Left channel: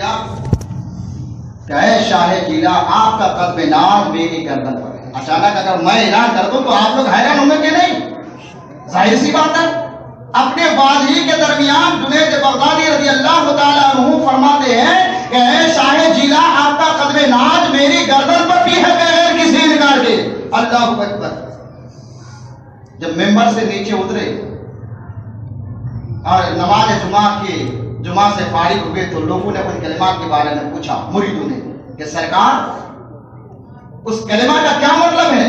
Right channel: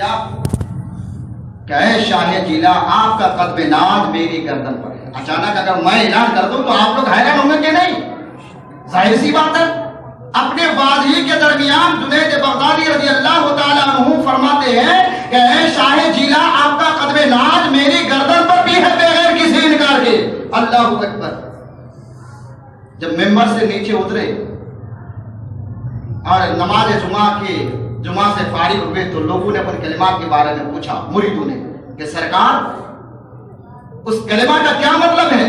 کیا کہ اے شاہ جیلا آپ کا قدم ناز میری گردن پر ہے. اچانک اگر میں اعلان کر دوں تو آپ لوگ حیران ہوں گے کہ نہیں؟ ظاہر سی بات ہے. اپنے بازی کے درمیان جنید بغدادی رضی اللہ تعالیٰ عنہ فرماتے ہیں کہ اے شاہ جیلا آپ کا قدم ناز میری گردن پر بھی ہے بغیر کسی انکار کے. اللہ اکبر. جب ممبر سے نیچے اترے اور نماز جمعہ سے فارغ ہوئے تو لوگوں نے اپنے کلمات کے بارے میں پوچھا مریدوں نے کہ سرکار اس کلمہ کا کیا مطلب ہے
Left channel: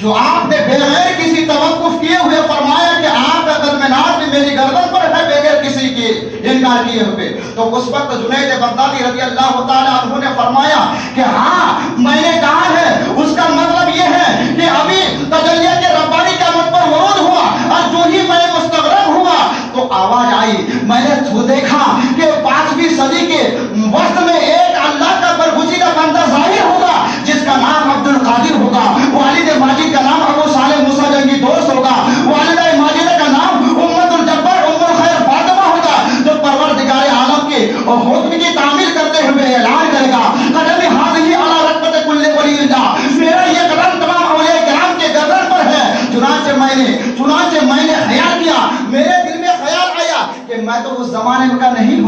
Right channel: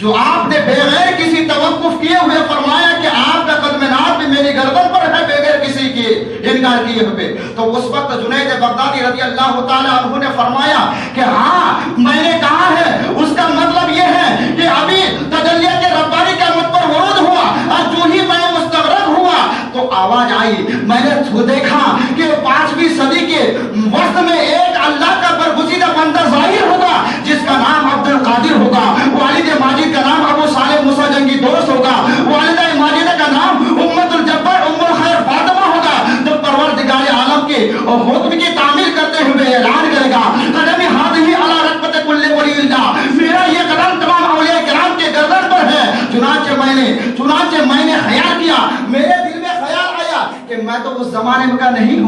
جو آپ نے بغیر کسی توقف کیے ہوئے فرمایا کہ آپ کا قدم ناز بھی میری گردن پر ہے بغیر کسی کے انکار کیے ہوئے. تو اس وقت جنید بغدادی رضی اللہ تعالیٰ عنہ نے فرمایا کہ ہاں میں نے کہا ہے اس کا مطلب یہ ہے کہ ابھی تجلیت ربانی کا مجھ پر ورود ہوا اور جو ہی میں مستغرب ہوا تو آواز آئی. میں نے دیکھا کہ 5ویں صدی کے وقت میں ایک اللہ کا برگزیدہ بندہ ظاہر ہوگا جس کا نام عبد القادر ہوگا. والد ماجد کا نام ابو صالح موسیٰ جنگی دوست ہوگا. والدہ ماجدہ کا نام امت الجبار ام الخیر فاطمہ ہوگا جو پروردگار عالم کے حکم کی تعمیل کرتے ہوئے اعلان کرے گا قدمی ہاتھی علی رکبت کل ولی اللہ. میرا یہ قدم تمام اولیاء کرام کے گردن پر ہے. چنانچہ میں نے خیال کیا, میرے دل میں خیال آیا کہ میں تو اس زمانے کا نہیں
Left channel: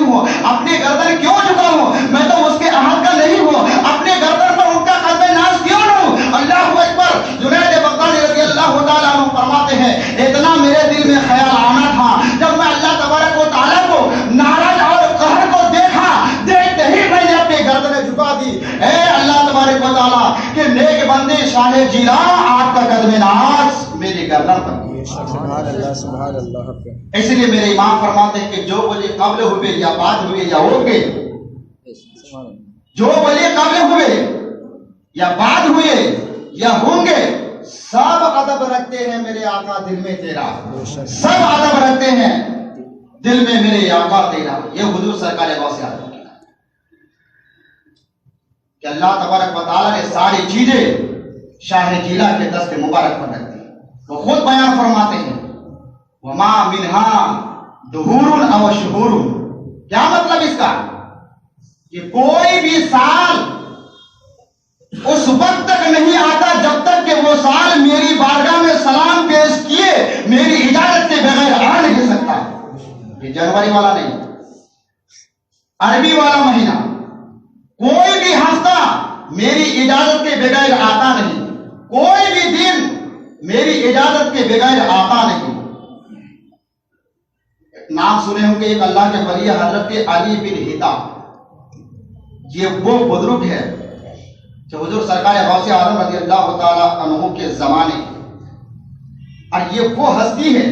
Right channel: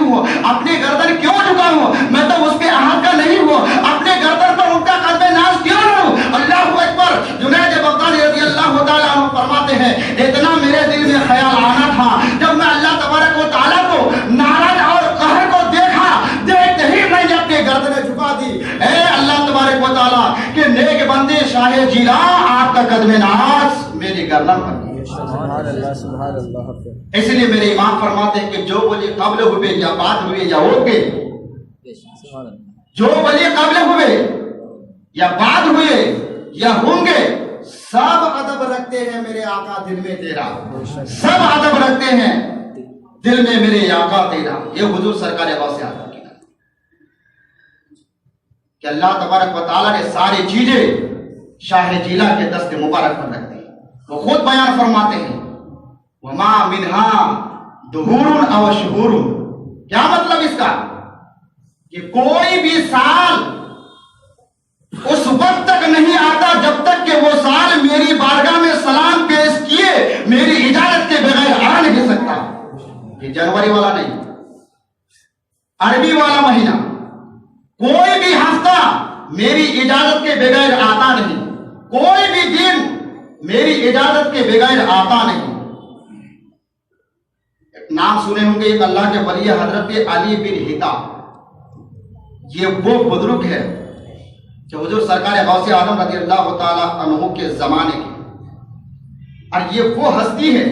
ہوں, اپنے گردن کیوں جھکاؤں, میں تو اس کے عہد کا نہیں ہوں, اپنے گردن پر ان کا قدم ناز کیوں لوں. اللہ اکبر. جنید بغدادی رضی اللہ تعالیٰ عنہ فرماتے ہیں اتنا میرے دل میں خیال آنا تھا جب میں اللہ تبارک و تعالیٰ کو ناراض اور قہر کو دیکھا, دیکھتے ہی میں نے اپنے گردنیں جھکا دی. اے اللہ تبارک و تعالیٰ کہ نیک بندے شاہ جیلا آپ کا قدم ناز میری گردن پر. سبحان اللہ سبحان اللہ. اس لیے میرے امام فرماتے ہیں کہ جو ولی قبل ہوئے یا بعد ہوئے یا ہوں گے, جو ولی قبل ہوئے یا بعد ہوئے یا ہوں گے, سب ادب رکھتے ہیں میرے آقا دل میں تیرا, سب ادب رکھتے ہیں دل میں میرے آقا تیرا. یہ حضور سرکار غوث اعظم کی بات کہ اللہ تبارک و تعالیٰ نے ساری چیزیں شاہ جیلا کے دست مبارک میں رکھ دی. وہ خود بیان فرماتے ہیں وما منہا دہور او شہور. کیا مطلب اس کا کہ کوئی بھی سال اس وقت تک نہیں آتا جب تک کہ وہ سال میری بارگاہ میں سلام پیش کیے میری اجازت کے بغیر آ نہیں سکتا. یہ جنوری والا نہیں, عربی والا مہینہ, کوئی بھی ہفتہ میری اجازت کے بغیر آتا نہیں, کوئی بھی دن میری اجازت کے بغیر آتا نہیں. نام سنے ہوں گے ایک اللہ کے ولی حضرت علی بن ہتا. یہ وہ بزرگ ہے کہ حضور سرکار غوث اعظم رضی اللہ تعالیٰ عنہ کے زمانے کی, اور یہ وہ ہستی ہے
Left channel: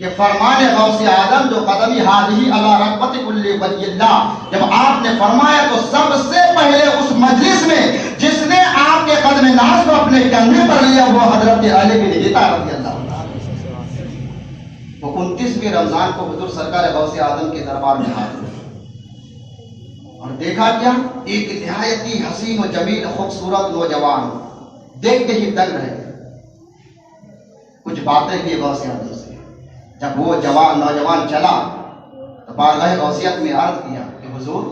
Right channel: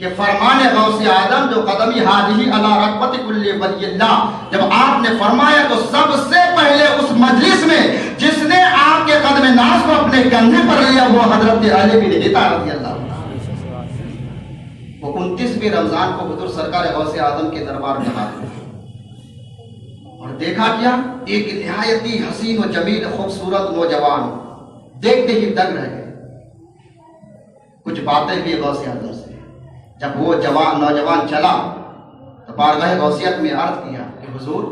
کہ فرمان غوث اعظم جو قدمی ہاتھی علی رکبت کل ولی اللہ, جب آپ نے فرمایا تو سب سے پہلے اس مجلس میں جس نے آپ کے قدم ناز کو اپنے کندھے پر لیا وہ حضرت علی بن ہتا رضی اللہ. وہ 29ویں رمضان کو حضور سرکار غوث اعظم کے دربار میں حاضر اور دیکھا کیا, ایک نہایتی حسین و جمیل خوبصورت نوجوان, دیکھتے ہی دنگ رہ گئے. کچھ باتیں بھی غوث اعظم سے. جب وہ نوجوان چلا تو بارگاہ غوثیت میں عرض کیا کہ حضور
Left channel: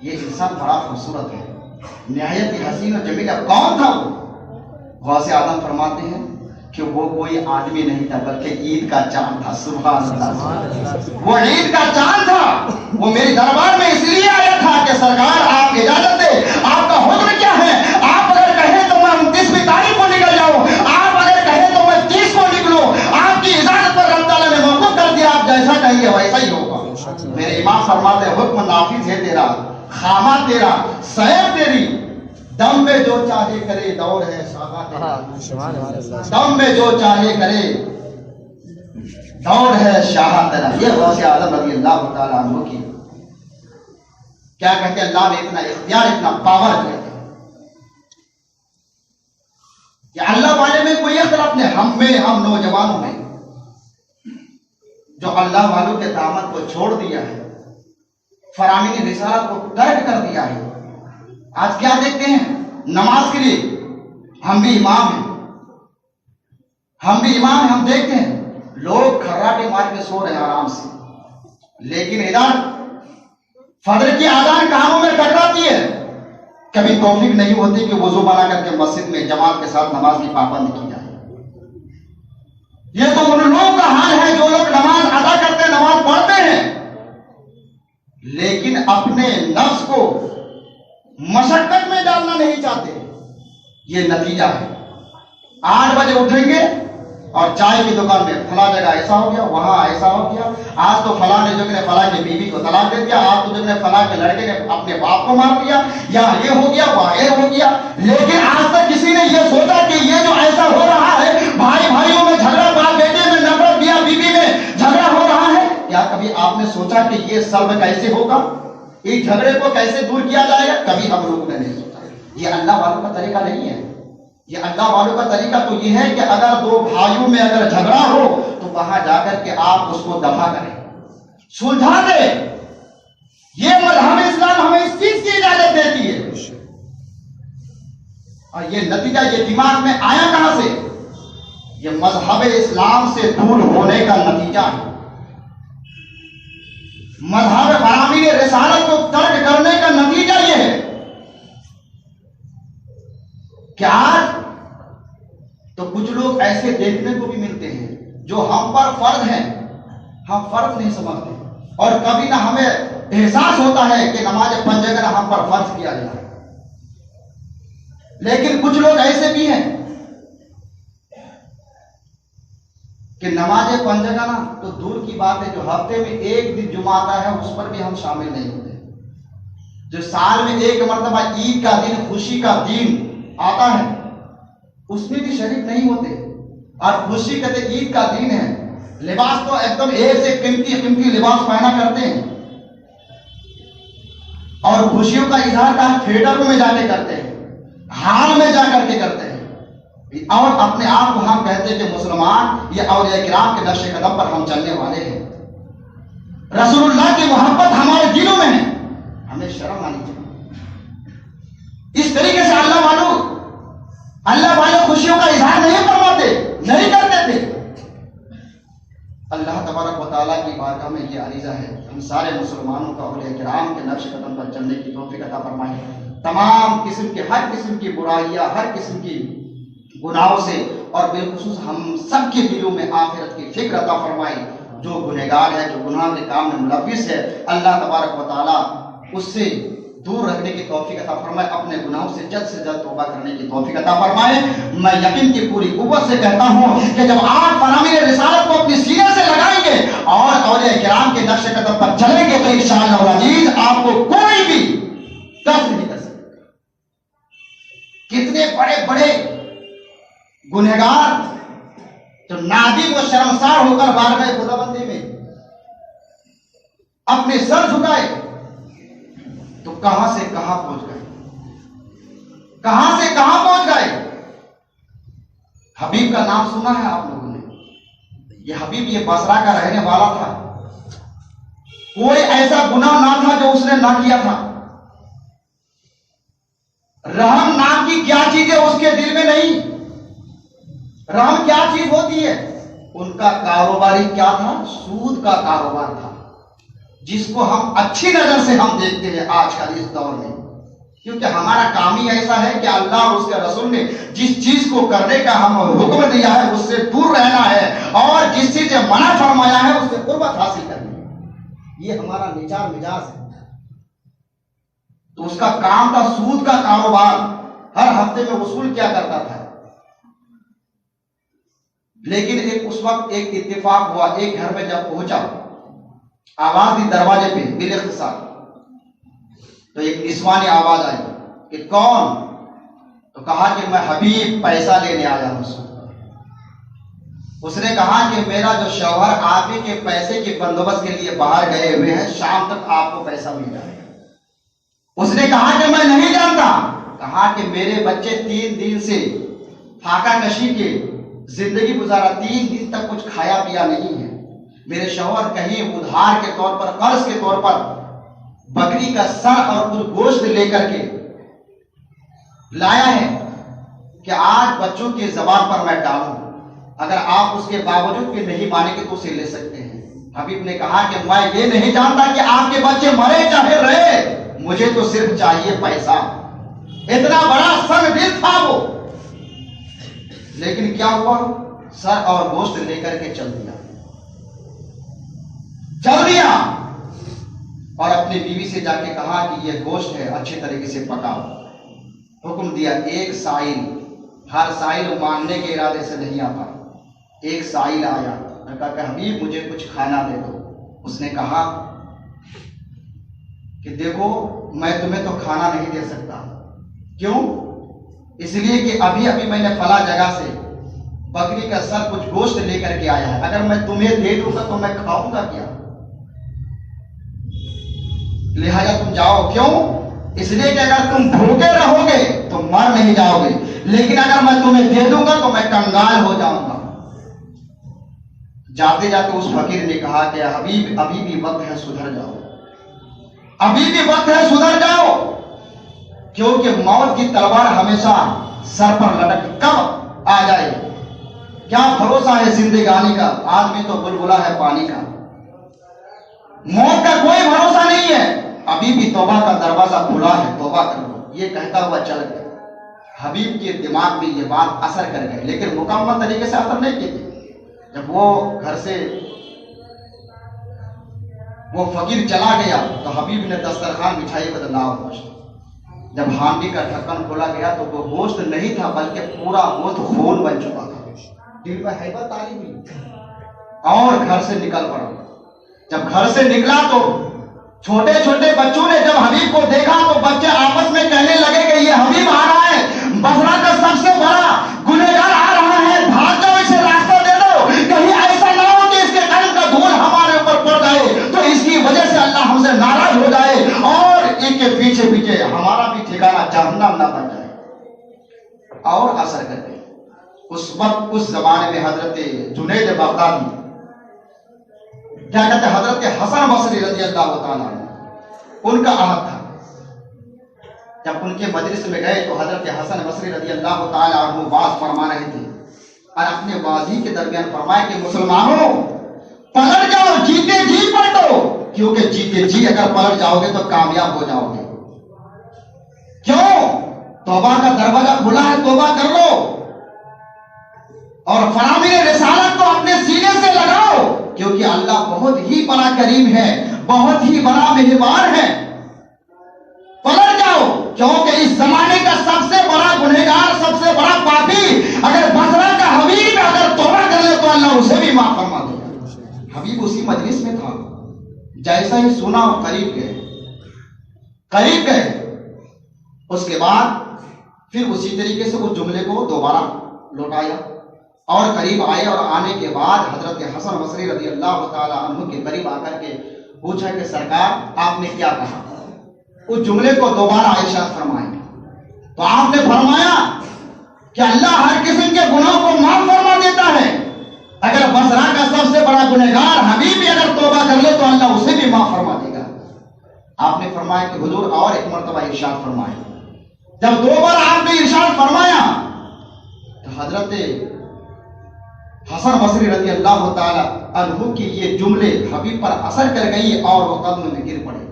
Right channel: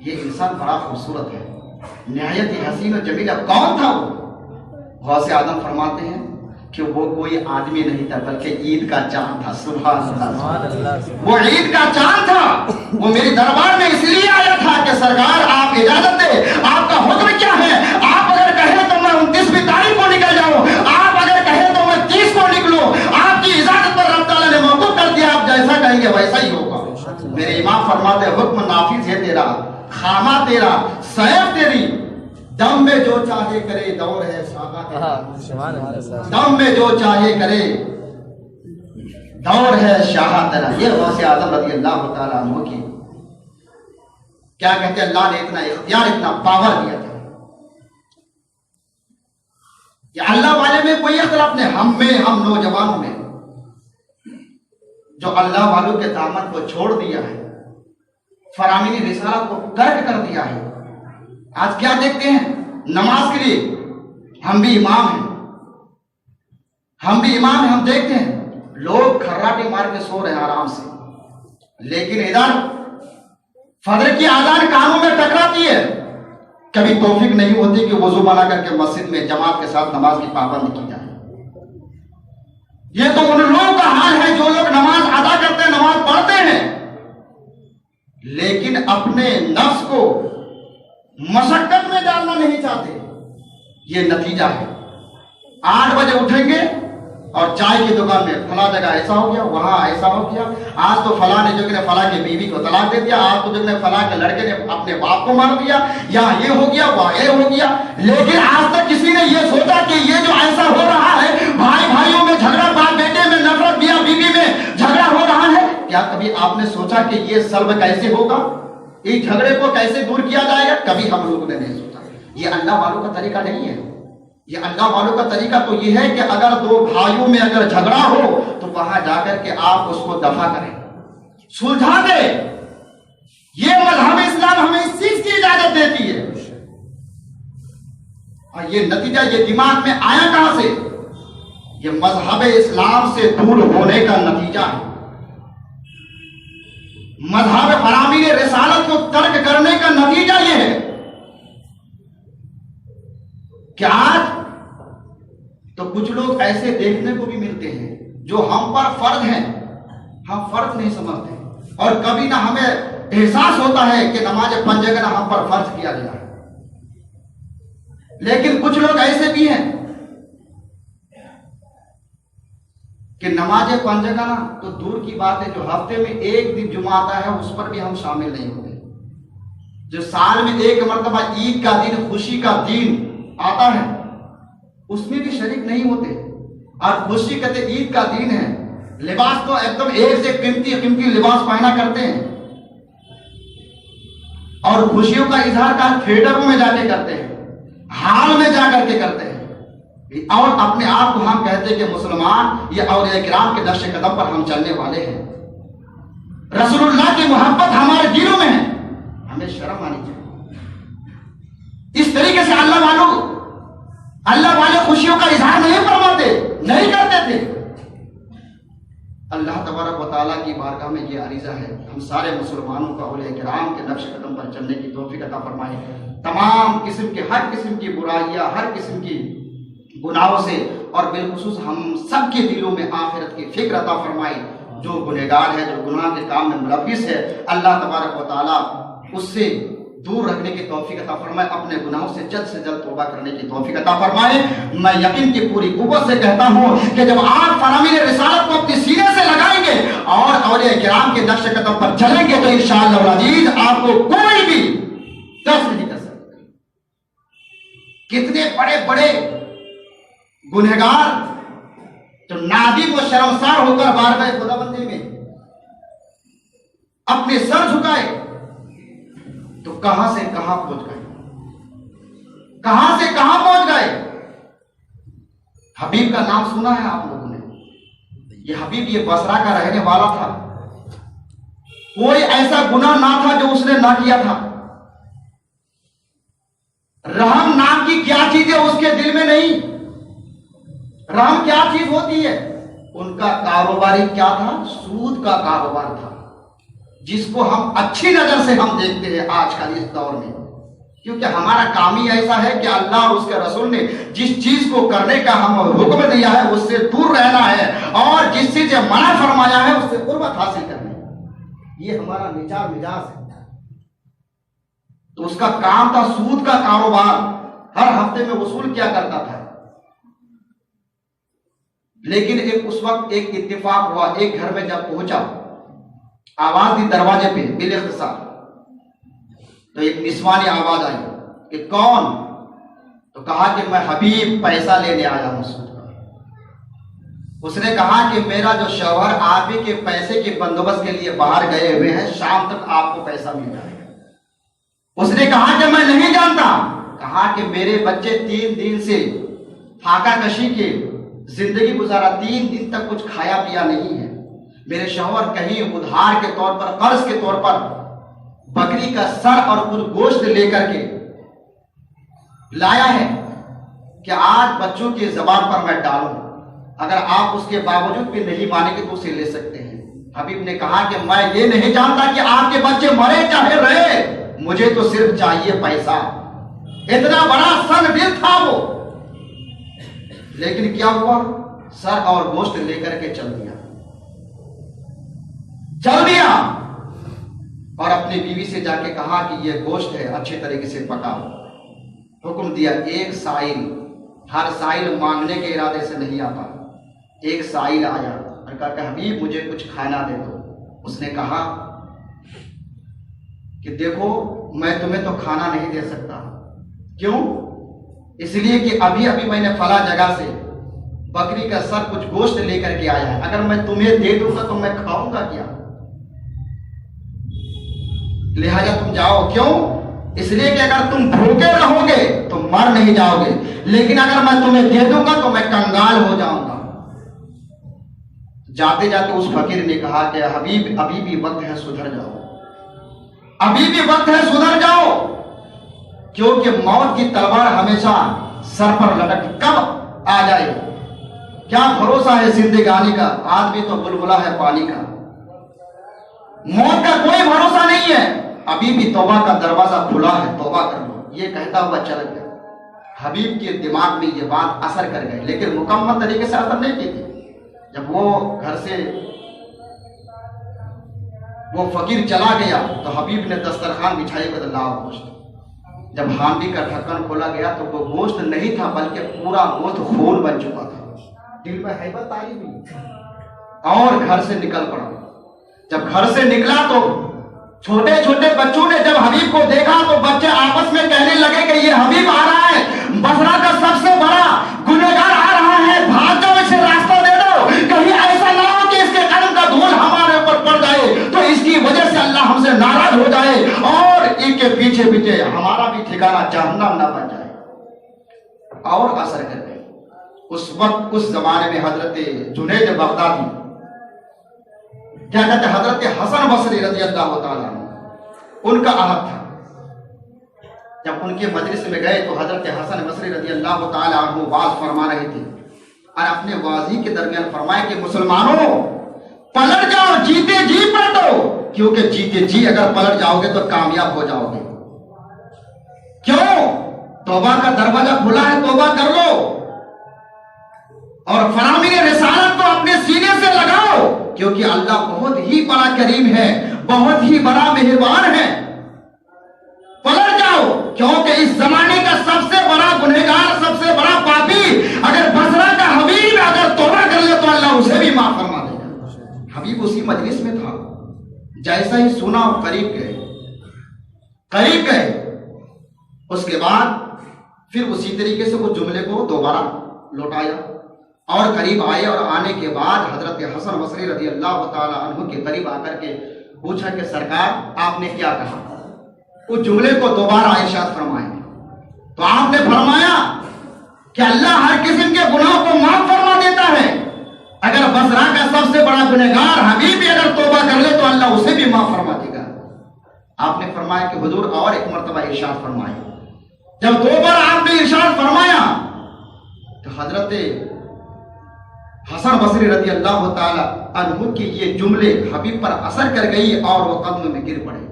یہ انسان بڑا خوبصورت ہے, نہایت حسین و جمیل. کون تھا وہ؟ غوث اعظم فرماتے ہیں کہ وہ کوئی آدمی نہیں تھا بلکہ عید کا چاند تھا. سبحان اللہ. وہ عید کا چاند تھا. وہ میرے دربار میں اس لیے آیا تھا کہ سرکار آپ اجازت دے, آپ کا حکم کیا ہے, آپ اگر کہیں تو میں 29ویں تاریخ کو نکل جاؤں, آپ اگر کہیں تو میں 30 کو نکلوں, آپ کی اجازت پر رب تعالیٰ نے موقف کر دیا, آپ جیسا کہیں گے ویسا ہی ہوگا. میرے امام فرماتے ہیں حکم نافذ ہے تیرا, خامہ تیرا, سیف تیری, دم میں جو چاہے کرے دور ہے صحابہ تیرا, دم میں جو چاہے کرے دور ہے شاہ تیرا. یہ غوث اعظم رضی اللہ تعالیٰ عنہ کی کیا کہتے ہیں, اللہ نے اتنا اختیار اتنا پاور دیا تھا کہ اللہ والے میں کوئی اختلاف نہیں. ہم نوجوانوں میں جو اللہ والوں کے دامن کو چھوڑ دیا ہے, فرامین رسالت کو ترک کر دیا ہے, آج کیا دیکھتے ہیں نماز کے لیے ہم بھی امام ہیں, ہم دیکھتے ہیں لوگ کھراٹے مار کے سو رہے ہیں آرام سے, لیکن ادھر فجر کی اذان کانوں میں ٹکراتی ہے، کبھی توفیق نہیں ہوتی کہ وضو بنا کر کے مسجد میں جماعت کے ساتھ نماز کی پابندی کی جائے۔ یہ تو ان لوگوں کا حال ہے جو لوگ نماز ادا کرتے ہیں، نماز پڑھتے ہیں، لیکن اپنے نفس کو مشقت میں ڈالنا نہیں چاہتے۔ یہ نتیجہ ہے، 8 بجے اٹھیں گے اور چائے کی دکان میں فلاں جگہ ایسا ہو گیا، وہاں ایسا ہو گیا، آج تو فلاں نے جو کہ فلاں کی بیوی کو طلاق دے دیا، آج تو جو کہ فلاں کے لڑکے نے اپنے باپ کو مار دیا، یا یہ ہو گیا، وہاں یہ ہو گیا۔ لیکن آج تک کسی نے یہ سوچا کہ یہ جو ایسا ہو رہا ہے، بھائی بھائیوں میں جھگڑا، باپ بیٹے میں نفرت، میاں بیوی میں جھگڑا ہو رہا ہے، کیا کبھی آپ نے سوچا کہ یہ سلب کیسے ہوگا، اس جھگڑے کو کیسے دور کیا جائے گا؟ کبھی ہم لوگوں نے نہیں سوچا۔ یہ اللہ والوں کا طریقہ نہیں ہے۔ یہ اللہ والوں کا طریقہ تو یہ ہے کہ اگر دو بھائیوں میں اگر جھگڑا ہو تو وہاں جا کر کے آپ اس کو دفع کریں، سلجھا دیں۔ یہ مذہب اسلام ہمیں اس چیز کی اجازت دیتی ہے۔ اور یہ نتیجہ یہ دماغ میں آیا کہاں سے؟ یہ مذہب اسلام سے دور ہونے کا نتیجہ ہے۔ مذہب فرامین رسالت کو ترک کرنے کا نتیجہ یہ ہے کہ آج تو کچھ لوگ ایسے دیکھنے کو بھی ملتے ہیں جو ہم پر فرض ہیں، ہم فرض نہیں سمجھتے، اور کبھی نہ ہمیں احساس ہوتا ہے کہ نماز پنجگنا ہم پر فرض کیا گیا ہے۔ لیکن کچھ لوگ ایسے بھی ہیں کہ نماز پنجگنا تو دور کی بات ہے، جو ہفتے میں ایک دن جمعہ آتا ہے اس پر بھی ہم شامل نہیں ہوتے، جو سال میں ایک مرتبہ عید کا دن، خوشی کا دن آتا ہے اس میں بھی شریک نہیں ہوتے۔ اور خوشی کہتے عید کا دن ہے، لباس تو ایک دم ایک سے قیمتی لباس پہنا کرتے ہیں، اور خوشیوں کا اظہار کا تھیٹروں میں جا کے کرتے ہیں، ہال میں جا کر کے کرتے ہیں، اور اپنے آپ کو ہم کہتے ہیں کہ مسلمان، یہ اولیاء کرام کے نقش قدم پر ہم چلنے والے ہیں، رسول اللہ کی محبت ہمارے دلوں میں ہے۔ ہمیں شرم آنی چاہیے۔ اس طریقے سے اللہ والے خوشیوں کا اظہار نہیں فرماتے، نہیں کرتے تھے۔ اللہ تبارک و تعالیٰ کی بارگاہ میں یہ عریضہ ہے، ہم سارے مسلمانوں کو اولیاء کرام کے نقش قدم پر چلنے کی توفیق عطا فرمائے، تمام قسم کے ہر قسم کی برائیاں، ہر قسم کی گناہوں سے، اور بالخصوص ہم سب کے دلوں میں آخرت کی فکر عطا فرمائے۔ جو گنہگار ہے، جو گناہ کے کام میں ملوث ہے، اللہ تبارک و تعالیٰ اس سے دور رکھنے کی توفیق عطا فرمائے، اپنے گناہوں سے جلد توبہ کرنے کی توفیق عطا فرمائے۔ میں یقین کی پوری قوت سے کہتا ہوں کہ جب آپ فرامین رسالت کو اپنی سینے سے لگائیں گے اور اولیاء کرام کے نقش قدم پر چلیں گے تو انشاءاللہ العزیز آپ کو کوئی بھی دفع نہیں کر سکے۔ کتنے بڑے بڑے گنہگار جو نادم و شرمسار ہو کر بارگاہ خداوندی میں اپنے سر جھکائے تو کہاں سے کہاں پہنچ گئے، کہاں سے کہاں پہنچ گئے۔ حبیب کا نام سنا ہے آپ لوگوں نے؟ یہ حبیب یہ بصرہ کا رہنے والا تھا، کوئی ایسا گناہ نہ تھا جو اس نے نہ کیا تھا۔ رحم نام کی کیا چیز ہے اس کے دل میں نہیں۔ رحم کیا چیز ہوتی ہے؟ ان کا کاروباری کیا تھا؟ سود کا کاروبار تھا، جس کو ہم اچھی نظر سے ہم دیکھتے ہیں آج کل اس دور میں، کیونکہ ہمارا کام ہی ایسا ہے کہ اللہ اور اس کے رسول نے جس چیز کو کرنے کا ہم حکم دیا ہے اس سے دور رہنا ہے، اور جس چیز سے منع فرمایا ہے اس سے قربت حاصل کرنی ہے۔ یہ ہمارا نیچار مزاج ہے۔ تو اس کا کام تھا سود کا کاروبار، ہر ہفتے میں وصول کیا کرتا تھا۔ لیکن اس وقت ایک اتفاق ہوا، ایک گھر میں جب پہنچا، آواز دی دروازے پہ بالاختصار، تو ایک نسوانی آواز آئی کہ کون؟ تو کہا کہ میں حبیب پیسہ لینے آیا ہوں سود کا۔ اس نے کہا کہ میرا جو شوہر آپ ہی کے پیسے کے بندوبست کے لیے باہر گئے ہوئے ہیں، شام تک آپ کو پیسہ مل جائے گا۔ اس نے کہا کہ میں نہیں جانتا۔ کہا کہ میرے بچے 3 دن سے فاقہ کشی کے زندگی گزارا، 3 دن تک کچھ کھایا پیا نہیں ہے۔ میرے شوہر کہیں ادھار کے طور پر، قرض کے طور پر بکری کا سر اور کچھ گوشت لے کر کے لایا ہے کہ آج بچوں کی زبان پر میں ڈالوں، اگر آپ اس کے باوجود بھی نہیں مانیں گے تو اسے لے سکتے ہیں۔ حبیب نے کہا کہ میں یہ نہیں جانتا کہ آپ کے بچے مرے چاہے رہے، مجھے تو صرف چاہیے پیسہ۔ اتنا بڑا سن دل تھا وہ، لیکن کیا ہوا؟ سر اور گوشت لے کر کے چل دیا اور اپنی بیوی سے جا کے کہا کہ یہ گوشت ہے، اچھے طریقے سے پکاؤ۔ حکم دیا ایک سائل، ہر سائل مانگنے کے ارادے سے نہیں آتا، ایک سائل آیا اور کہا کہ حبیب مجھے کچھ کھانا دے دو۔ اس نے کہا کہ دیکھو میں تمہیں تو کھانا نہیں دے سکتا۔ کیوں؟ اس لیے کہ ابھی ابھی میں نے فلاں جگہ سے بکری کا سر کچھ گوشت لے کر کے آیا ہے، اگر میں تمہیں دے دوں گا تو میں کھاؤں گا کیا؟ لہذا تم جاؤ۔ کیوں؟ اس لیے کہ اگر تم بھوکے رہو گے تو مر نہیں جاؤ گے، لیکن اگر میں تمہیں دے دوں گا تو میں کنگال ہو جاؤں گا۔ جاتے جاتے اس فقیر نے کہا کہ حبیب ابھی بھی وقت ہے، سدھر جاؤ، ابھی بھی وقت ہے، سدھر جاؤ، کیونکہ موت کی تلوار ہمیشہ سر پر لٹک کب آ جائے۔ کیا بھروسہ ہے زندگانی کا؟ آدمی تو بلبلا ہے پانی کا، موت کا کوئی بھروسہ نہیں ہے۔ ابھی بھی توبہ کا دروازہ کھلا ہے، توبہ کر لو، یہ کہتا ہوا چل گیا۔ حبیب کے دماغ میں یہ بات اثر کر گئی، لیکن مکمل طریقے سے اثر نہیں کی تھی۔ جب وہ گھر سے وہ فقیر چلا گیا تو حبیب نے دسترخوان بچھائی کہ لاؤ گوشت۔ جب ہانڈی کا ڈھکن کھولا گیا تو وہ گوشت نہیں تھا بلکہ پورا گوشت خون بن چکا تھا۔ دل میں ہیبت آئی ہوئی اور گھر سے نکل پڑا۔ جب گھر سے نکلا تو چھوٹے چھوٹے بچوں نے جب حبیب کو دیکھا تو بچے آپس میں کہنے لگے کہ یہ حبیب آ رہا ہے، بصرہ کا سب سے بڑا گنہگار آ رہا ہے، بھاگ جاؤ، اسے راستہ دے دو، کہیں ایسا نہ ہو کہ اس کے قدم کا دھول ہمارے اوپر پڑ جائے تو اس کی وجہ سے اللہ ہم سے ناراض ہو جائے اور ان کے پیچھے پیچھے ہمارا بھی ٹھکانہ جہنم نہ بن جائے۔ اور اثر کر گئی۔ اس وقت اس زمانے میں حضرت جنید بغدادی، کیا کہتے ہیں، حضرت حسن بصری رضی اللہ تعالیٰ ان کا عہد تھا۔ جب ان کے مجلس میں گئے تو حضرت حسن بصری رضی اللہ تعالیٰ عنہ واز فرما رہے تھے اور اپنے واضی کے درمیان فرمائے کہ مسلمانوں پلٹ جاؤ، جیتے جی پلٹو، کیونکہ جیتے جی اگر پلٹ جاؤ گے تو کامیاب ہو جاؤ گے۔ کیوں؟ توبہ کا دروازہ کھلا ہے، توبہ کر لو اور فرامین رسالت کو اپنے سینے سے لگاؤ، کیونکہ اللہ بہت ہی بڑا کریم ہے، بہت ہی بڑا مہربان ہے۔ پلٹ جاؤ، کیونکہ اس زمانے کا سب سے بڑا گنہگار، سب سے بڑا پاپی اگر بصرہ کا حبیب اگر توبہ کر لے تو اللہ اسے بھی معاف فرما دے گا۔ حبیب اسی مجلس میں تھا، جیسا ہی سنا وہ قریب گئے۔ اس کے بعد پھر اسی طریقے سے وہ جملے کو دوبارہ لوٹایا اور قریب آئے، اور آنے کے بعد حضرت حسن بصری رضی اللہ تعالیٰ عنہ کے قریب آ کر کے پوچھا کہ سرکار آپ نے کیا کہا؟ اس جملے کو دوبارہ ارشاد فرمائیں تو آپ نے فرمایا کہ اللہ ہر قسم کے گناہوں کو معاف فرما دیتا ہے، اگر بصرہ کا سب سے بڑا گنہگار حبیب بھی اگر توبہ کر لے تو اللہ اسے بھی معاف فرما دے گا۔ آپ نے فرمایا کہ حضور اور ایک مرتبہ ارشاد فرمائے۔ جب دو بار آپ نے ارشاد فرمایا تو حضرت حسن بصری رضی اللہ تعالی عنہ کی یہ جملے حبیب پر اثر کر گئی اور وہ قدم میں گر پڑے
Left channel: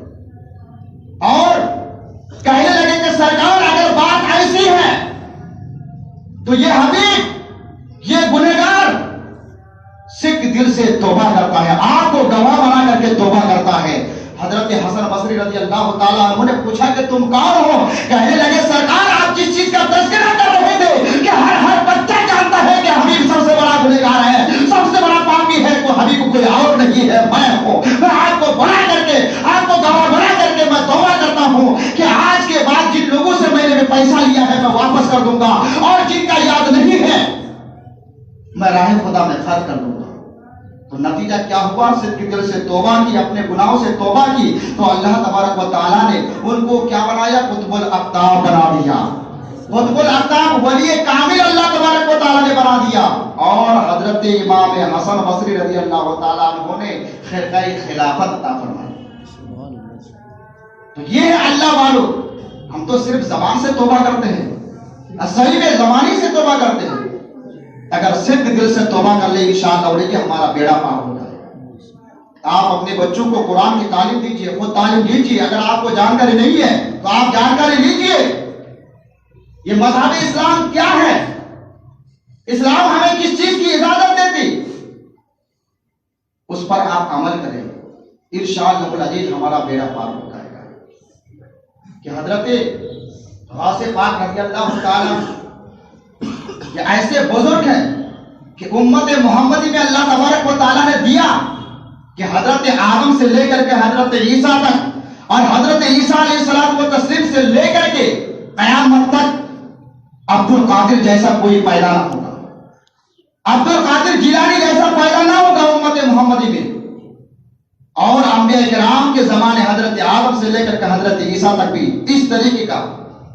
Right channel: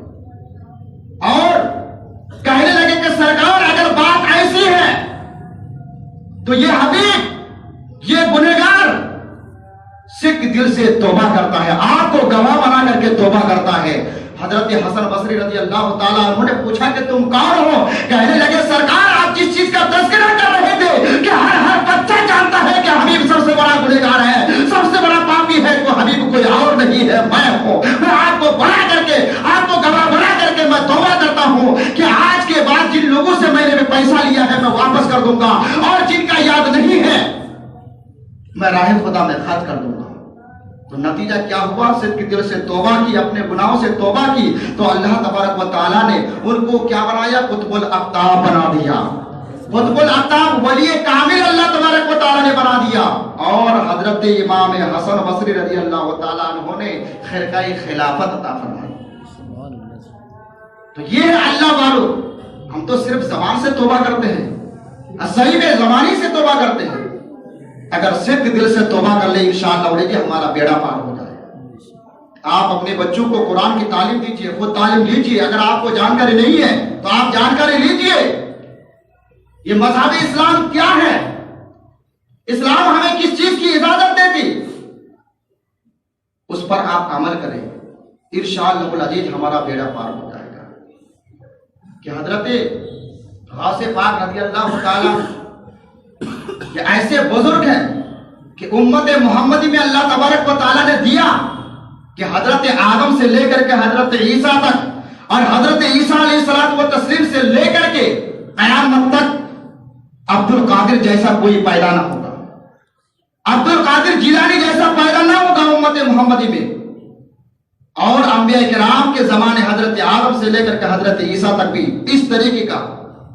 اور کہنے لگے کہ سرکار اگر بات ایسی ہے تو یہ حبیب، یہ گنہگار سکھ دل سے توبہ کرتا ہے، آپ کو گواہ بنا کر کے توبہ کرتا ہے۔ حضرت حسن بصری رضی اللہ تعالیٰ عنہ نے پوچھا کہ تم کون ہو؟ کہنے لگے سرکار آپ جس چیز کا تذکرہ کر رہے تھے کہ ہر بچہ جانتا ہے کہ حبیب سب سے بڑا گنہگار ہے، سب سے بڑا پاپی ہے، تو حبیب کوئی اور نہیں ہے، میں ہوں۔ میں آپ کو بنا کر کے، آپ کو گواہ بنا کر کے میں توبہ کرتا ہوں کہ آج کے بعد جن لوگوں سے میں نے پیسہ لیا ہے میں واپس کر دوں گا، اور جن کا یاد نہیں ہے میں راہ خدا میں خرچ کر دوں گا۔ تو نتیجہ کیا ہوا؟ صدق دل سے توبہ کی، اپنے گناہوں سے توبہ کی تو اللہ تبارک و تعالیٰ نے ان کو کیا بنایا؟ قطب الاقطاب بنا دیا۔ قطب الاقطاب ولی کامل اللہ تبارک و تعالیٰ نے بنا دیا، اور حضرت امام حسن بصری رضی اللہ تعالیٰ عنہ نے خرقہ خلافت عطا فرمائی۔ تو یہ ہے اللہ والو، ہم تو صرف زبان سے توبہ کرتے ہیں، صحیح میں زبانی سے توبہ کرتے ہیں، اگر صدق دل سے توبہ کر لے انشاءاللہ کہ ہمارا بیڑا پار ہو جائے۔ آپ اپنے بچوں کو قرآن کی تعلیم دیجیے، خود تعلیم لیجیے، اگر آپ کو جانکاری نہیں ہے تو آپ جانکاری لیجیے۔ یہ مذہب اسلام کیا ہے، اسلام ہمیں کس چیز کی اجازت دیتی، اس پر آپ عمل کریں، انشاءاللہ العزیز ہمارا بیڑا پار ہو جائے گا۔ کہ حضرت غوث پاک رضی اللہ تعالیٰ کہ ایسے بزرگ ہیں کہ امت محمدی میں اللہ تبارک و تعالیٰ نے دیا کہ حضرت آدم سے لے کر کے حضرت عیسیٰ تک اور حضرت عیسیٰ علیہ السلام و تسلیم سے لے کر کے قیامت تک عبد القادر جیسا کوئی پیدا نہ ہوگا، عبد القادر جیلانی جیسا پیدا نہ ہوگا امت محمدی میں۔ اور انبیاء کرام کے زمانے حضرت آدم سے لے کر کے حضرت عیسیٰ تک بھی اس طریقے کا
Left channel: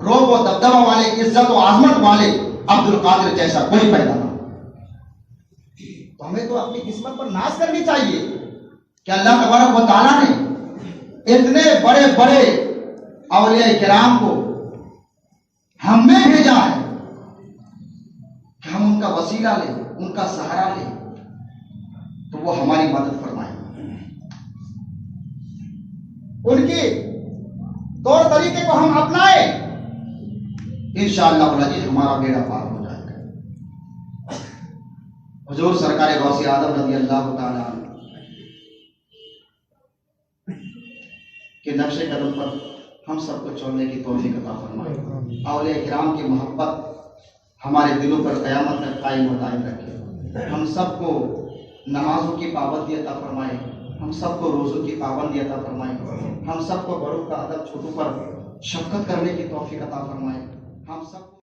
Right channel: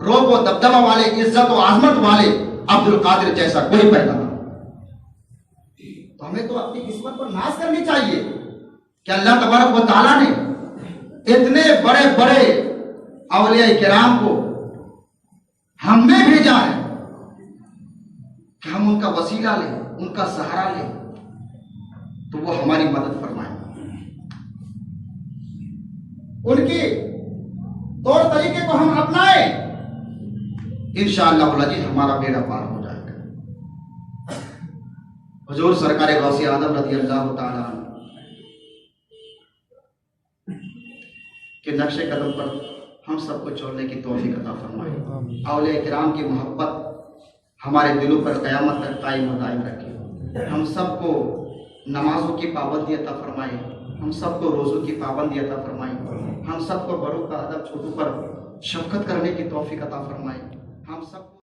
روب و دبدبہ والے، عزت و عظمت والے عبد القادر جیسا کوئی پیدا نہ ہو۔ تو ہمیں تو اپنی قسمت پر ناز کرنی چاہیے کہ اللہ تبارک و تعالیٰ نے اتنے بڑے بڑے اولیاء کرام کو ہم میں بھیجا ہے کہ ہم ان کا وسیلہ لیں، ان کا سہارا لیں تو وہ ہماری مدد فرمائیں، ان کے طور طریقے کو ہم اپنائیں، انشاءاللہ العزیز ہمارا بیڑا پار ہو جائے گا۔ حضور سرکار غوث اعظم رضی اللہ تعالیٰ عنہ کے نقش قدم پر ہم سب کو چلنے کی توفیق عطا فرمائے، اولیاء کرام کی محبت ہمارے دلوں پر قیامت تک قائم و دائم رکھے، ہم سب کو نمازوں کی پابندی عطا فرمائے، ہم سب کو روزوں کی پابندی عطا فرمائے، ہم سب کو بڑوں کا ادب چھوٹوں پر شفقت کرنے کی توفیق عطا فرمائے، ہم سب